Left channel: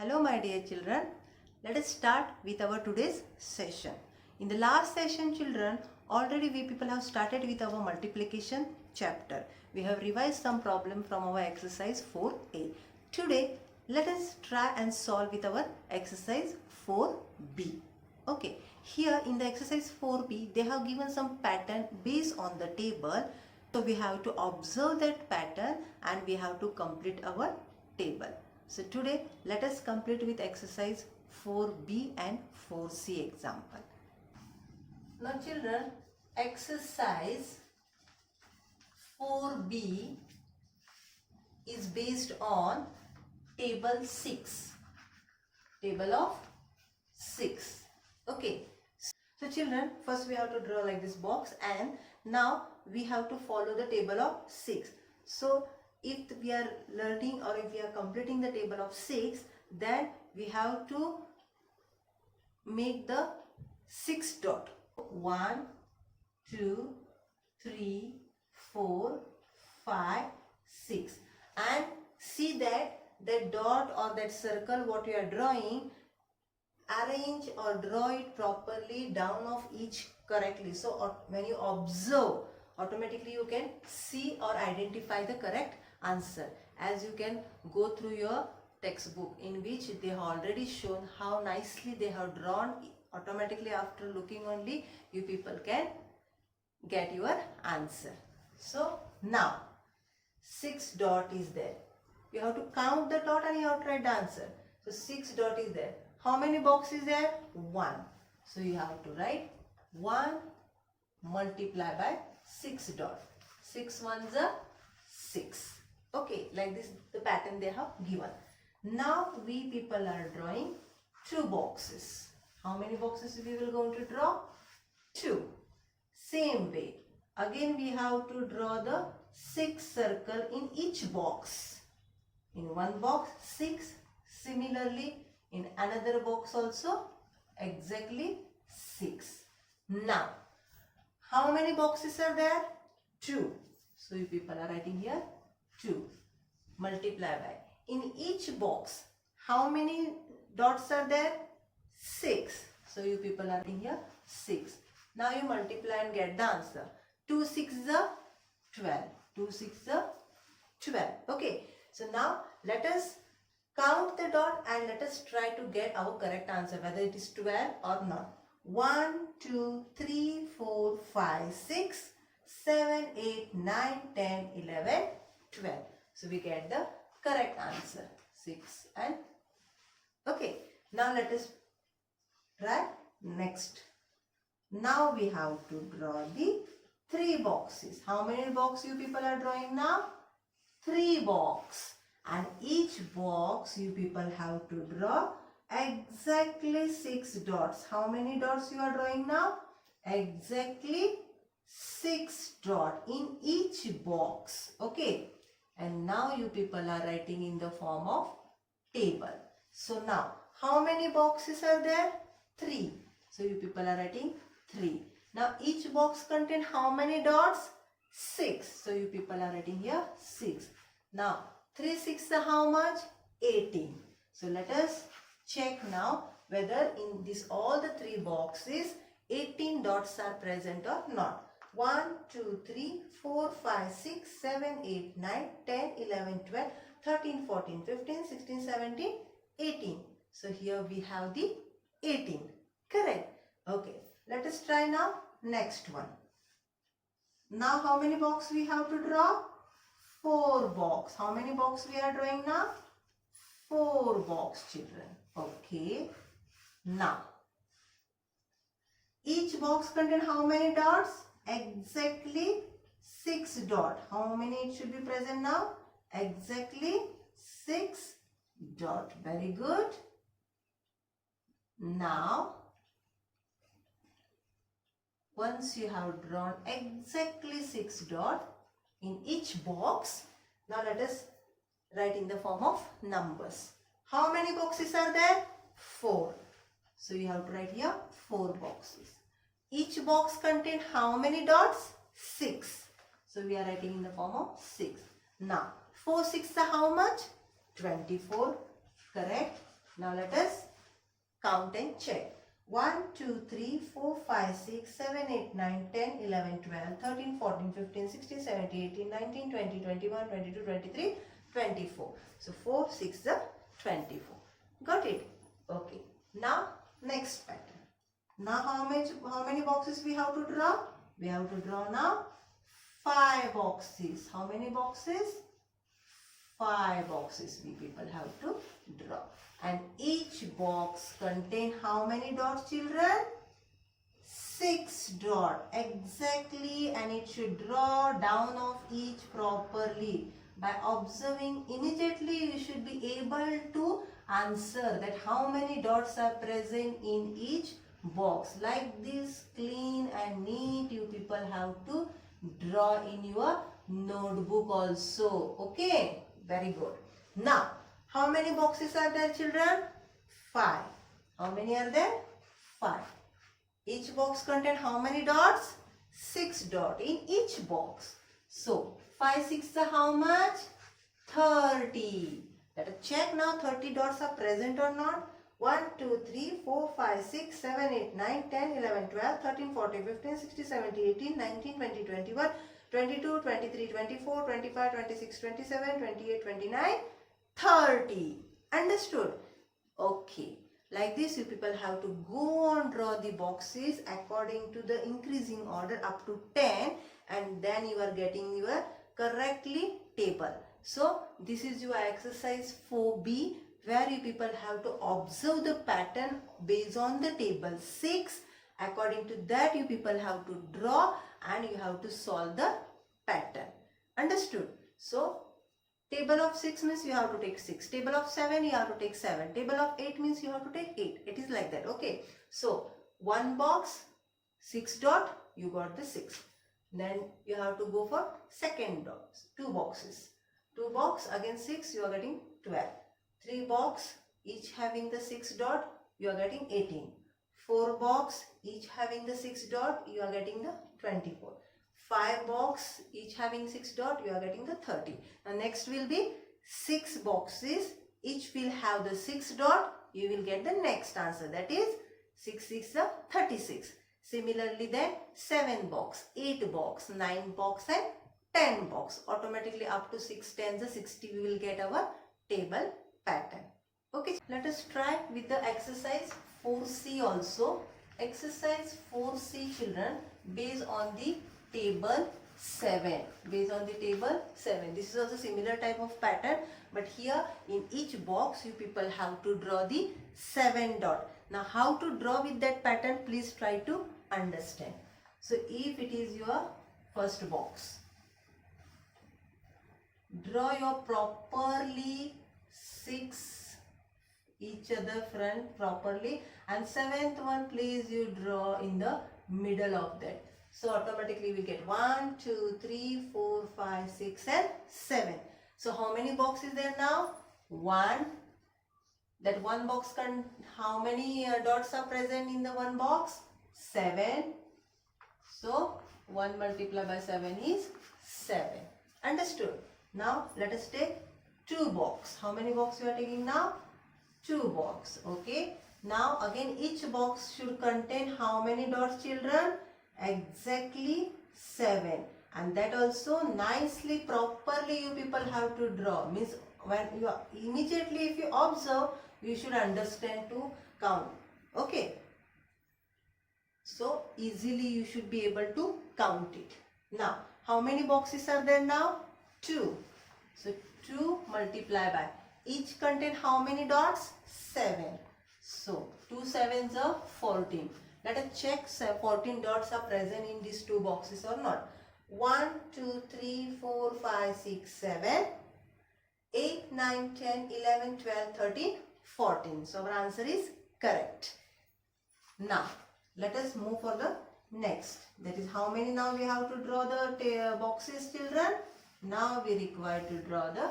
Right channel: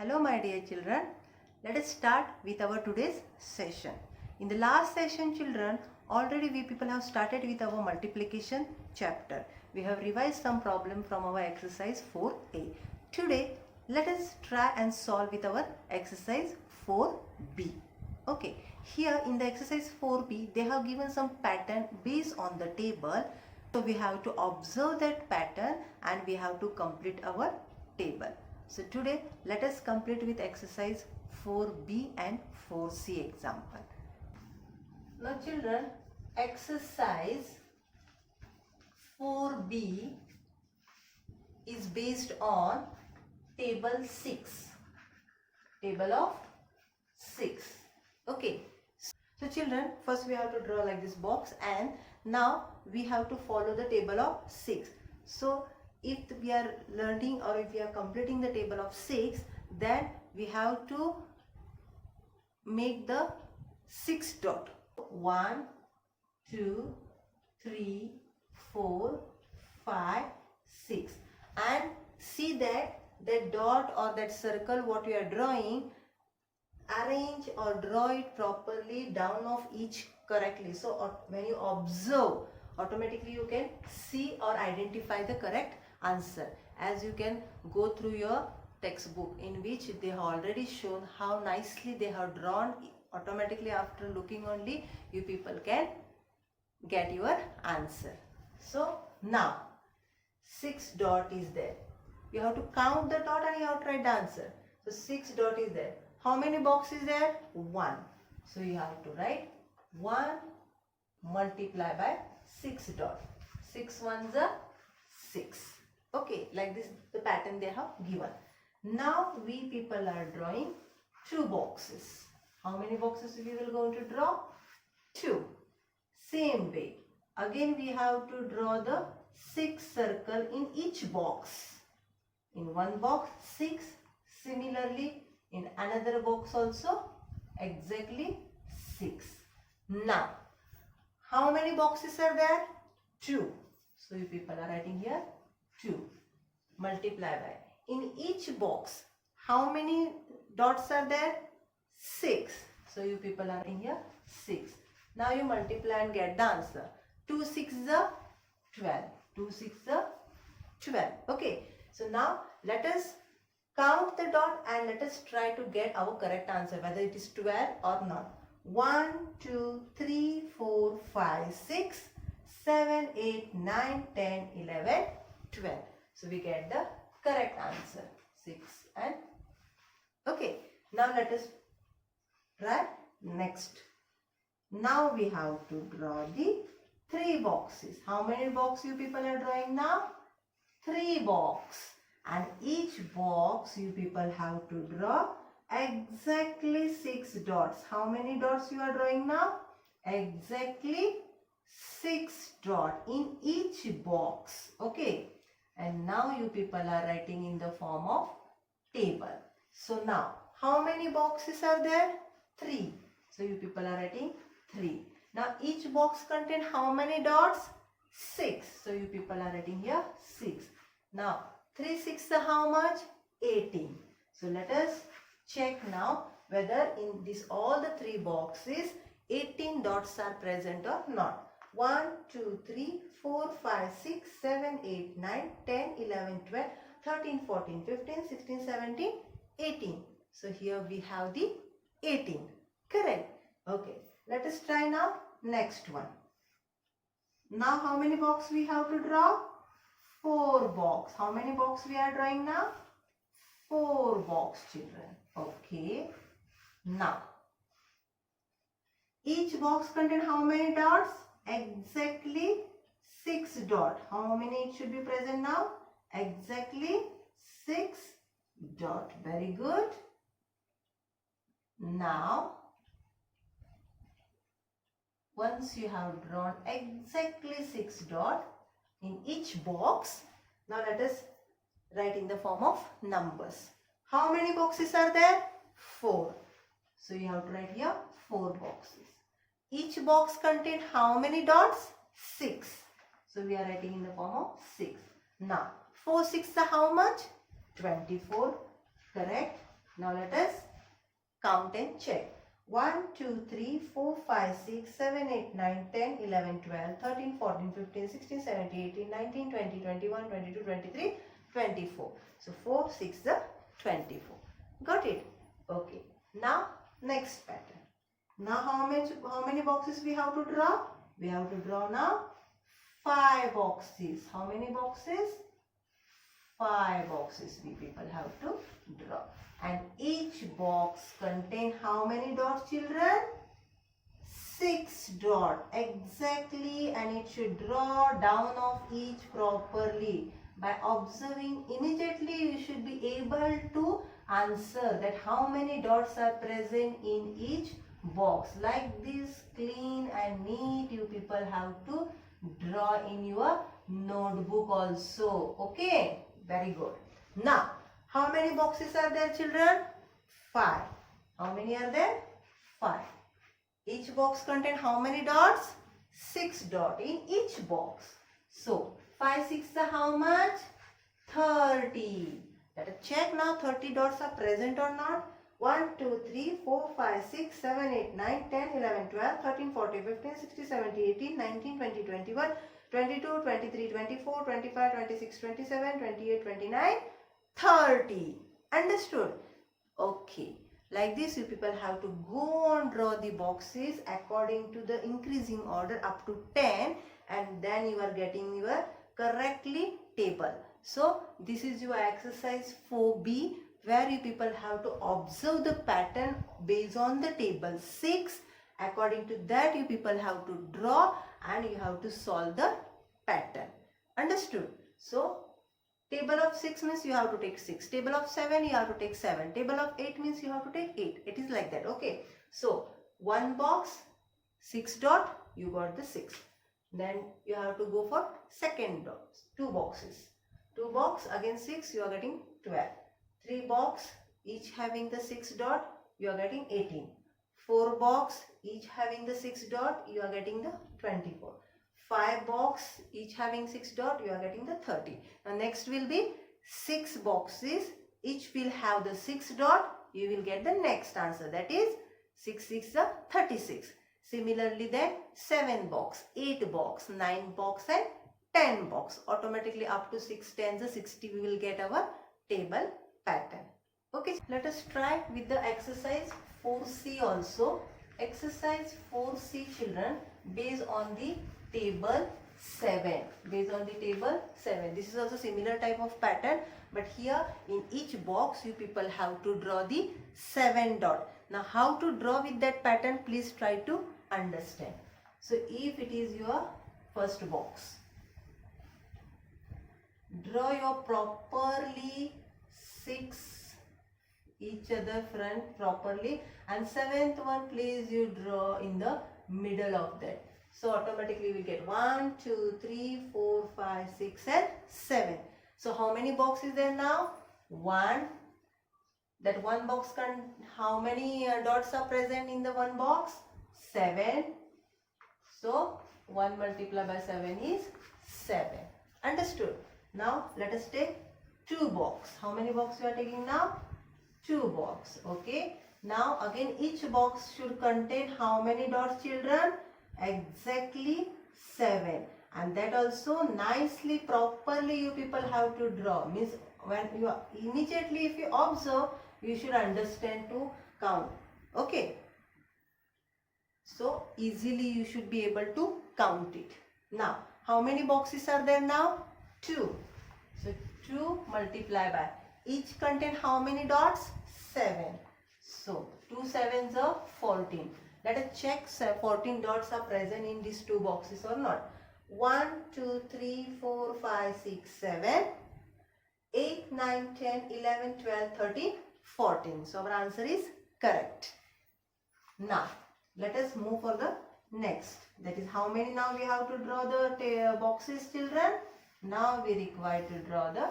Hello my dear children, let us start with our today's session. In the last session children, already we people have started with our multiplication chapter. We have revised some problem from our exercise 4a. Today let us try and solve with our exercise 4b. Okay, here in the exercise 4b they have given some pattern based on the table. So we have to observe that pattern and we have to complete our table. So today let us complete with exercise 4b and 4c example. Now children, exercise 4b is based on table 6. Table of 6. Okay. So children, first we have to draw like this box and now we have to follow the table of 6. So if we are learning or if we are completing the table of 6, then we have to make the 6 dot. 1, 2, 3, 4, 5, 6. And see that dot or that circle what you are drawing, arrange or draw it properly down of each correctly. So when you observe, automatically you can see or identify the correct answer, as you can go through your textbook in which they have already shown how nicely they have drawn. Automatically after looking only you people can get your answer. So now 6 dot is there. You have to count the dot and you have to write the answer. So 6 dot is there. How many boxes there? 1. So you have to write 1 multiply by 6 dot. 6 ones are 6. Okay, like this the pattern they have given. Now we people are drawing 2 boxes. How many boxes we will going to draw? 2. Same way. Again we have to draw the 6 circle in each box. In one box 6. Similarly in another box also exactly 6. Now how many boxes are there? 2. So you people are writing here 2. Multiply by. In each box how many dots are there? 6. So you people are writing here 6. Now you multiply and get the answer. 2 6 is 12. 2 6 is 12. Okay. So now let us count the dot and let us try to get our correct answer, whether it is 12 or not. 1, 2, 3, 4, 5, 6, 7, 8, 9, 10, 11, 12. So we get the correct answer. 6 and okay. Now let us try next. Now we have to draw the 3 boxes. How many boxes you people are drawing now? 3 boxes. And each box you people have to draw exactly 6 dots. How many dots you are drawing now? Exactly 6 dots in each box. Okay. And now you people are writing in the form of table. So now how many boxes are there? 3. So you people are writing 3. Now each box contain how many dots? 6. So you people are writing here 6. Now 3 6 how much? 18. So let us check now whether in this all the 3 boxes 18 dots are present or not. 1, 2, 3, 4, 5, 6, 7, 8, 9, 10, 11, 12, 13, 14, 15, 16, 17, 18. So here we have the 18. Correct. Okay. Let us try now next one. Now how many boxes we have to draw? 4 box. How many box we are drawing now? 4 box children. Okay. Now each box contain how many dots? Exactly 6 dot. How many it should be present now? Exactly 6 dot. Very good. Now once you have drawn exactly 6 dot in each box, now let us write in the form of numbers. How many boxes are there? 4. So you have to write here 4 boxes. Each box contains how many dots? 6. So we are writing in the form of 6. Now 4 6 are how much? 24. Correct. Now let us count and check. 1, 2, 3, 4, 5, 6, 7, 8, 9, 10, 11, 12, 13, 14, 15, 16, 17, 18, 19, 20, 21, 22, 23, 24. So 4, 6, 24. Got it? Okay. Now next pattern. Now how many boxes we have to draw? We have to draw now 5 boxes. How many boxes? 5 boxes we people have to draw. And each box contain how many dots, children? 6 dots. Exactly. And it should draw down of each properly. By observing immediately, you should be able to answer that how many dots are present in each box. Like this, clean and neat, you people have to draw in your notebook also. Okay, very good. Now, how many boxes are there, children? 5. How many are there? 5. Each box contain how many dots? 6 dots in each box. So 5 6 is how much? 30. Let us check now 30 dots are present or not. 1, 2, 3, 4, 5, 6, 7, 8, 9, 10, 11, 12, 13, 14, 15, 16, 17, 18, 19, 20, 21, 22, 23, 24, 25, 26, 27, 28, 29, 30. Understood? Okay. Like this, you people have to go and draw the boxes according to the increasing order up to 10, and then you are getting your correctly table. So this is your exercise 4B, where you people have to observe the pattern based on the table 6. According to that, you people have to draw and you have to solve the pattern. Understood? So table of 6 means you have to take 6. Table of 7 you have to take 7. Table of 8 means you have to take 8. It is like that. Okay. So one box, 6 dot, you got the 6. Then you have to go for second dots. 2 boxes. 2 box, again 6, you are getting 12. 3 box, each having the 6 dot, you are getting 18. 4 box, each having the 6 dot, you are getting the 24. 5 box, each having 6 dot, you are getting the 30. Now next will be 6 boxes, each will have the 6 dot, you will get the next answer, that is 6 6 is 36. Similarly then 7 box, 8 box, 9 box and 10 box. Automatically up to 6 10 the 60 we will get our table pattern. Okay, let us try with the exercise 4C also. Exercise 4C, children, based on the table 7. Based on the table 7. This is also similar type of pattern, but here in each box you people have to draw the 7 dot. Now how to draw with that pattern, please try to understand. So if it is your first box, draw your properly 6 each other front properly, and 7th one please you draw in the middle of that. So automatically we get 1 2 3 4 5 6 and 7. So how many boxes there now? 1. That one box can, how many dots are present in the one box? 7. So 1 multiplied by 7 is 7. Understood? Now let us take 2 box. How many box you are taking now? 2 box. Okay. Now again each box should contain how many dots, children? Exactly 7. And that also nicely properly you people have to draw. Means when you are, immediately if you observe, you should understand to count. Okay. So easily you should be able to count it. Now how many boxes are there now? 2. So 2 multiply by, each contain how many dots? 7. So 2 7s are 14. Let us check 14 dots are present in these 2 boxes or not. 1 2 3 4 5 6 7 8 9 10 11 12 13 14. So our answer is correct. Now let us move for the next. That is how many now we have to draw the boxes, children? Now we require to draw the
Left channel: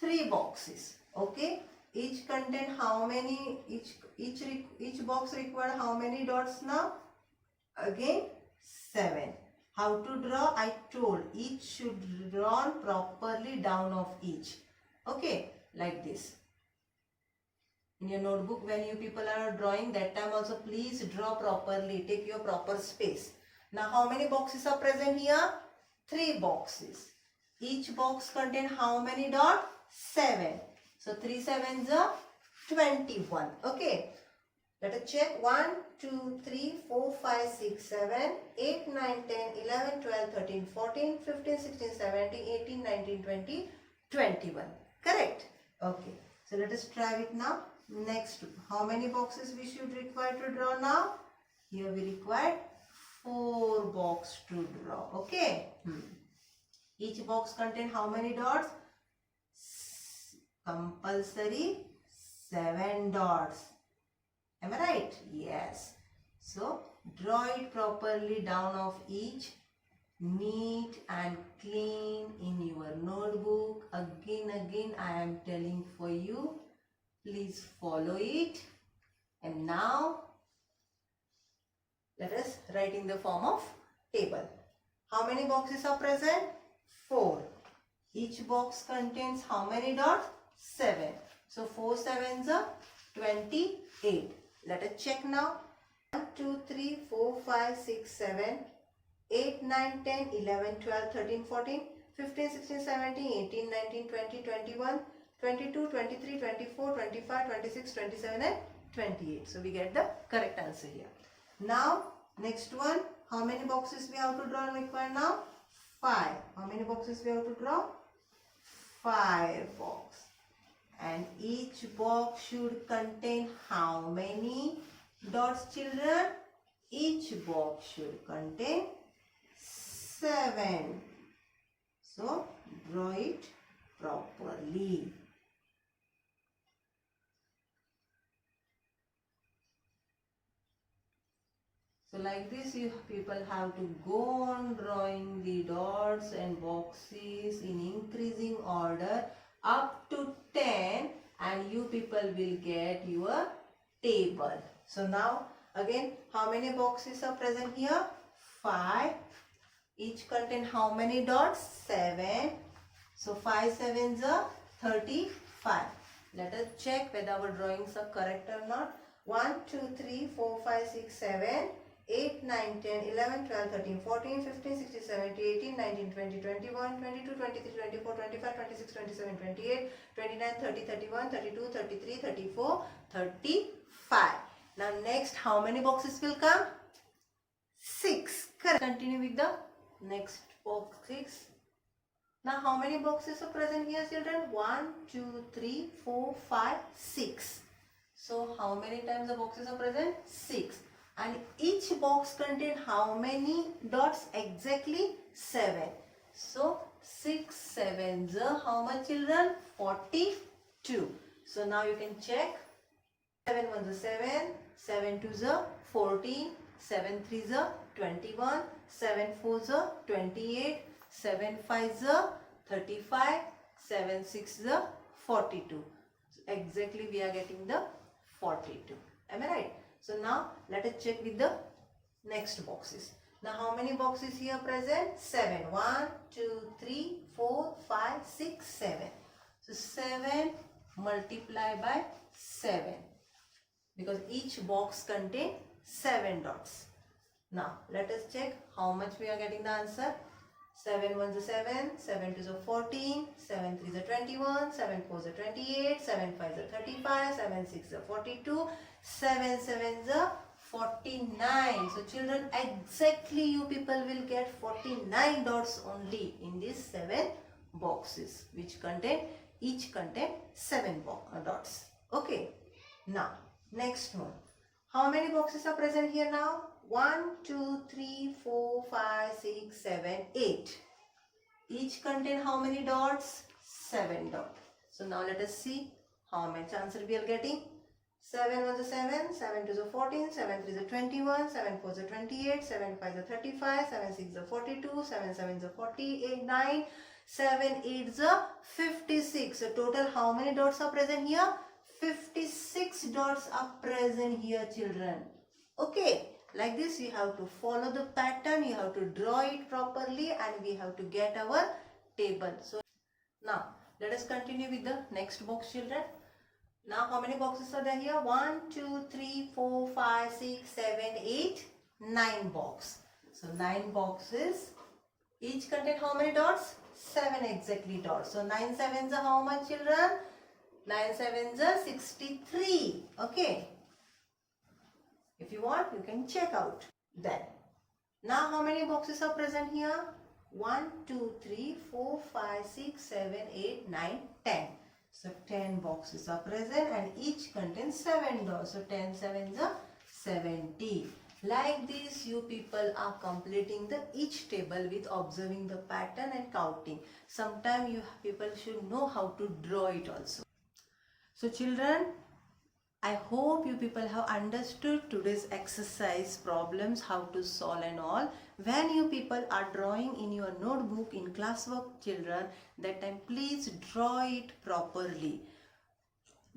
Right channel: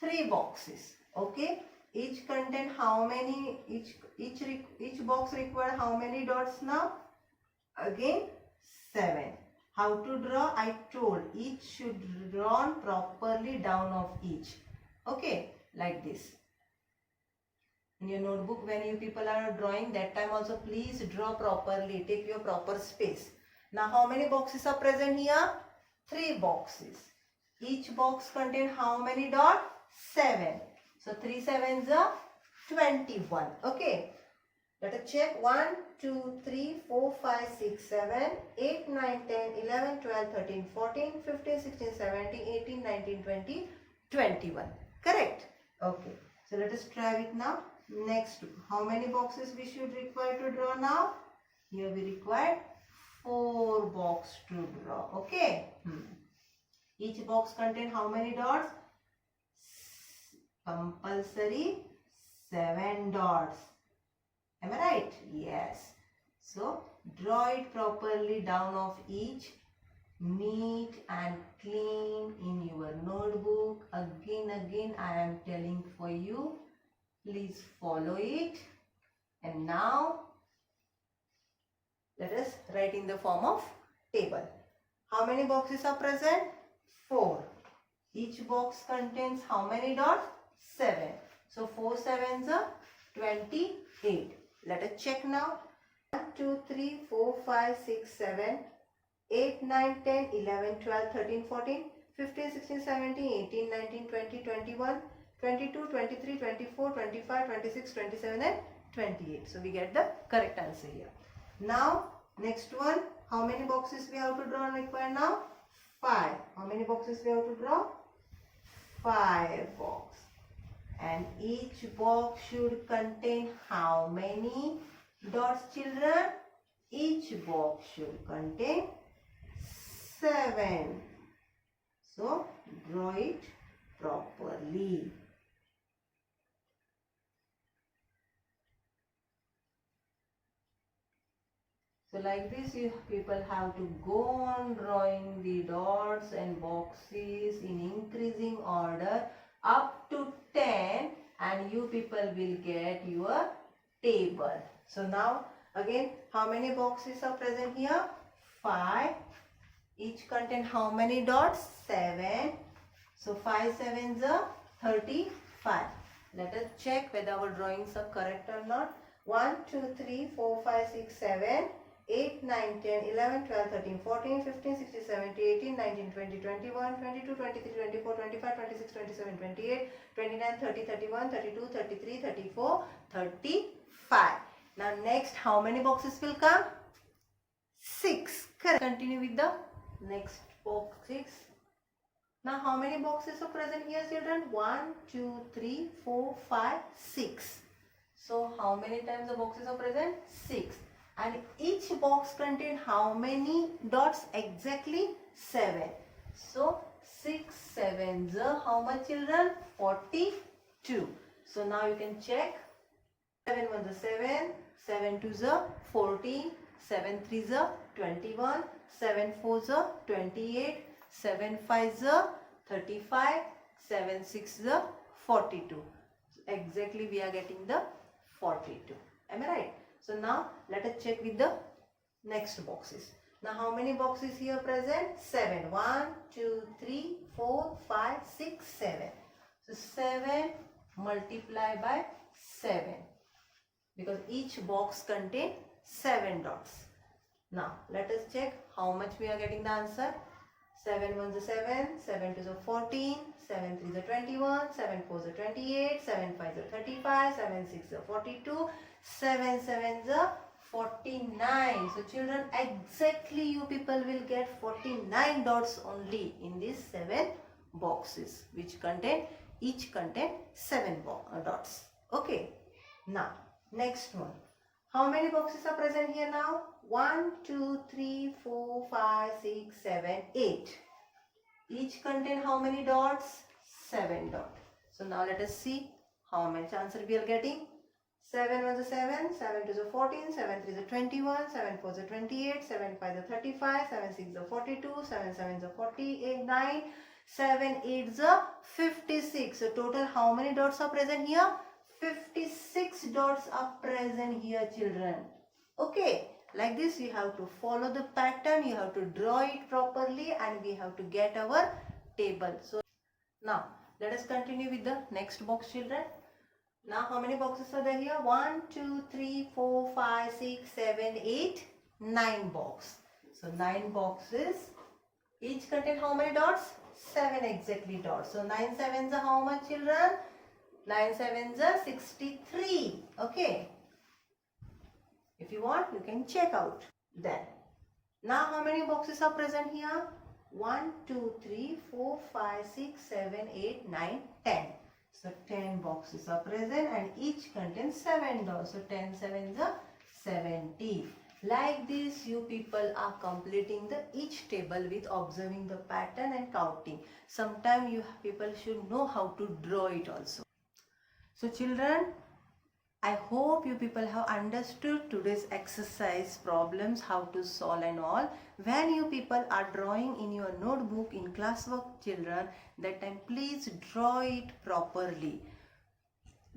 3 boxes. Okay. Each contain how many, each box require how many dots now? Again 7. How to draw? I told each should be drawn properly down of each. Okay, like this. in your notebook when you people are drawing, that time also please draw properly, take your proper space. Now how many boxes are present here? 3 boxes. Each box contain how many dots? 7. So 3 sevens are 21. Okay. Let us check. 1, 2, 3, 4, 5, 6, 7, 8, 9, 10, 11, 12, 13, 14, 15, 16, 17, 18, 19, 20, 21. Correct? Okay. So let us try it now. Next, how many boxes we should require to draw now? Here we require 4 boxes to draw. Okay. Each box contain how many dots? Compulsory 7 dots. Am I right? Yes. So draw it properly down of each, neat and clean in your notebook. Again I am telling for you. Please follow it. And now let us write in the form of table. How many boxes are present? 4. Each box contains how many dots? 7. So 4 sevens are 28. Let us check now. 1, 2, 3, 4, 5, 6, 7, 8, 9, 10, 11, 12, 13, 14, 15, 16, 17, 18, 19, 20, 21, 22, 23, 24, 25, 26, 27 and 28. So we get the correct answer here. Now next one. How many boxes we have to draw and require now? 5. How many boxes we have to draw? 5 boxes. And each box should contain how many dots, children? Each box should contain 7. So draw it properly. So like this, you people have to go on drawing the dots and boxes in increasing order up to 10, and you people will get your table. So now again, how many boxes are present here? 5. Each contain how many dots? 7. So 5 sevens are 35. Let us check whether our drawings are correct or not. 1, 2, 3, 4, 5, 6, 7, 8, 9, 10, 11, 12, 13, 14, 15, 16, 17, 18, 19, 20, 21, 22, 23, 24, 25, 26, 27, 28, 29, 30, 31, 32, 33, 34, 35. Now next, how many boxes will come? 6. Correct. Continue with the next box 6. Now how many boxes are present here, children? 1, 2, 3, 4, 5, 6. So how many times the boxes are present? 6. And each box contain how many dots? Exactly 7. So 6 sevens are how much, children? 42. So now you can check. 7 ones are 7, 7 twos are 14, 7 threes are 21, 7 fours are 28, 7 fives are 35, 7 sixes are 42. So exactly we are getting the 42. Am I right? So now let us check with the next boxes. Now how many boxes here present? 7. 1, 2, 3, 4, 5, 6, 7. So 7 multiply by 7. Because each box contains 7 dots. Now let us check how much we are getting the answer. 7 ones are 7, 7 twos are 14, 7 threes are 21, 7 fours are 28, 7 fives are 35, 7 sixes are 42, 7 sevens are 49. So children, exactly you people will get 49 dots only in these 7 boxes, which each contain 7 dots. Okay. Now next one. How many boxes are present here now? 1, 2, 3, 4, 5, 6, 7, 8. Each contain how many dots? 7 dots. So now let us see how much answer we are getting. 7 ones are 7, 7 twos are 14, 7 threes are 21, 7 fours are 28, 7 fives are 35, 7 sixes are 42, 7 sevens are 48, 9, 7 eights are 56. So total how many dots are present here? 56 dots are present here, children. Okay, like this you have to follow the pattern, you have to draw it properly, and we have to get our table. So now let us continue with the next box, children. Now how many boxes are there here? 1, 2, 3, 4, 5, 6, 7, 8, 9 box. So 9 boxes. Each contain how many dots? 7 exactly dots. So 9 sevens are how much, children? 9 sevens are 63. Okay. If you want, you can check out. Then, now how many boxes are present here? 1, 2, 3, 4, 5, 6, 7, 8, 9, 10. So 10 boxes are present and each contains 7 dots. So 10 sevens are 70. Like this, you people are completing each table with observing the pattern and counting. Sometimes you people should know how to draw it also. So children, I hope you people have understood today's exercise problems, how to solve and all. When you people are drawing in your notebook in classwork, children, that time please draw it properly.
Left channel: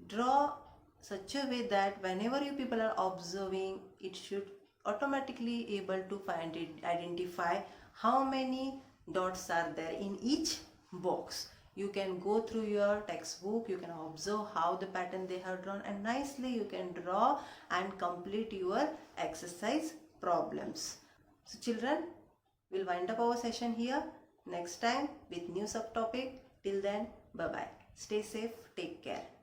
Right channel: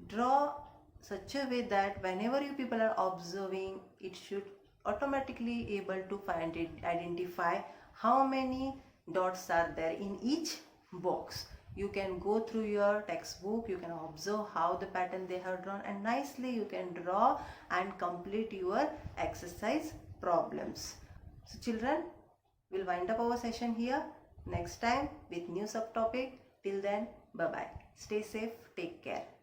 Draw such a way that whenever you people are observing, it should automatically able to find it, identify how many dots are there in each box. You can go through your textbook, you can observe how the pattern they have drawn, and nicely you can draw and complete your exercise problems. So children, we'll wind up our session here. Next time with new subtopic. Till then, bye bye. Stay safe, take care.